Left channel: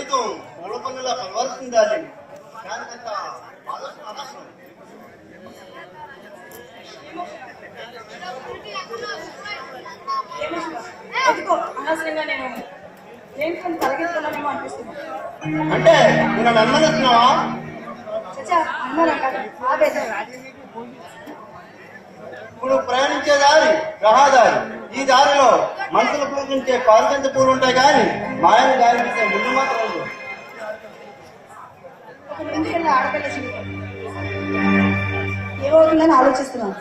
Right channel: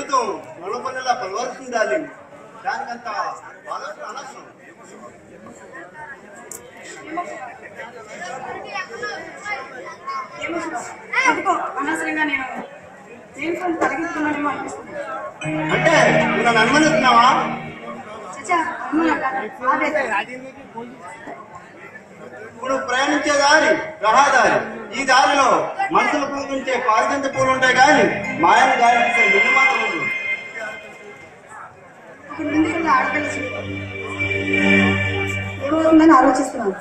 జీవితం మొలపల్లిలా కలవాల్సిందాలి. దానికంత ఆలోచన అనవసరం. అనవసరంగా నేను తలకెత్తున్నానేమో అనిపిస్తుంది. అంటే నువ్వు అనుమానిస్తున్నావా? ఇప్పుడు ప్రయాణించే దారి రహదారి. ఈ దారిలో మనుషులు పూజించే పారిజంత పూలు ఉంటాయి కానీ మాయలు గాలించే ముందు మాత్రం ఉండదు. ఒక ముందు ఆడపిల్ల ఏమవుతుందని ఆలోచిస్తున్నాను.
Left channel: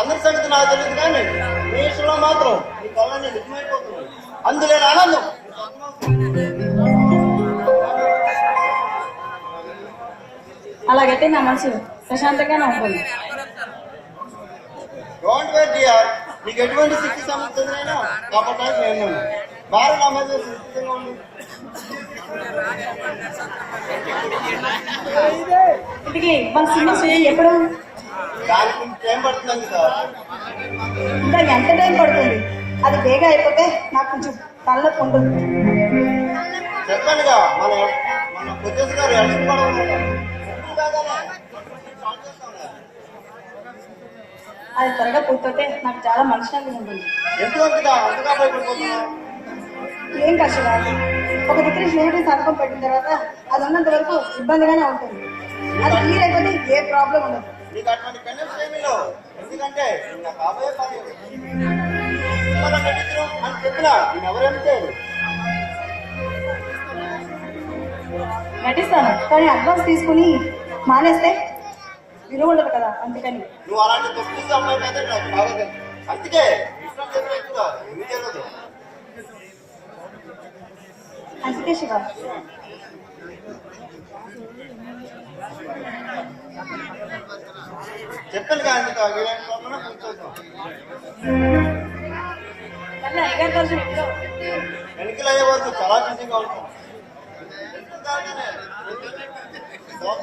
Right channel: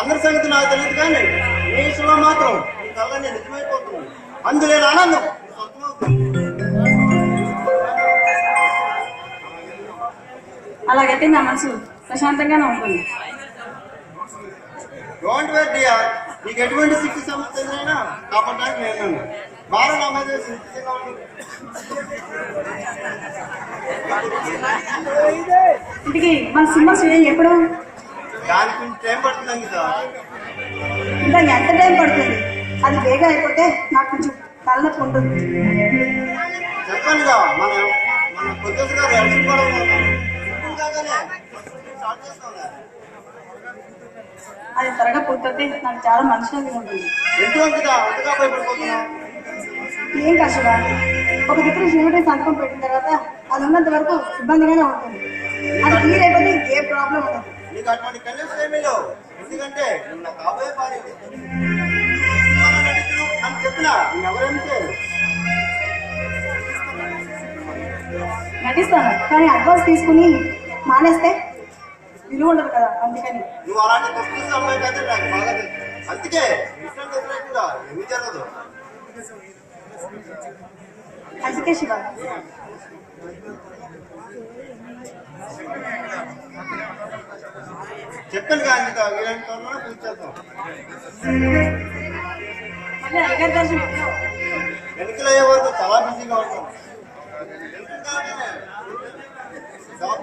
అందరి సంగతి నాకు తెలియదు కానీ ఈ విషయంలో మాత్రం ఈ కళ్ళని నిజమైపోతుంది. అందులో ఆనందం. అలాగైతే నా మనసు ప్రశాంతంగానే ఉంటుంది. డోంట్ వరీ డియర్, నీకు ఎటువంటి శిక్ష సమస్యలైనా కాపాడడానికి నేను వారు నా మీద సిద్ధంగా ఉంది. ఇంటికి మన సినిమా స్టూడియో ఎప్పుడు? దానికి టైం పడుతుందండి సార్. ఇంకా ఎంత టైం పడుతుంది? అది వేగం అయిపోతే నాకు కొంచెం తలనొప్పి ఉంటుంది. చెప్పానుగా మన మన ప్రొఫెసర్ గారు ఎలక్షన్ పడవనుకుంటాం. అది త్వరగా పూర్తయితే నాకు చాలా మనశ్శాంతి ఉంటుంది. ఎంతగా అంతగా భయపడిపోతున్నాం. ఏం కష్టం. ఒక దిక్కున స్నేహితుడి సంతకం పెట్టిన తర్వాత అది ఉన్నంత వరకు ఇబ్బందిగానే ఉంటుంది. అది క్లియర్ అయిపోతే ఏ ప్రాబ్లం ఉండదు. నీకు అటువంటి కండిషన్ ఏమీ లేవు. ఎందుకంటే నిన్న కాబోయే పని అని చెప్పినా ఎవరంటే నటిస్తాను, కానీ అడ్వాన్స్ తీసుకుని మానేస్తే విలువ ఉండదు కదా. అందుకని నువ్వు అలాంటి తప్పు అమ్మాయి అయితే నాకు బాగా తెలుసు. అందుకే చెప్పలేకుండా ఏమీ జరగదు. అందుకే శివ చెప్పాను కానీ ఎన్నికలు అయ్యే వరకు చాలా బిజీగా ఉంటాం. జాబ్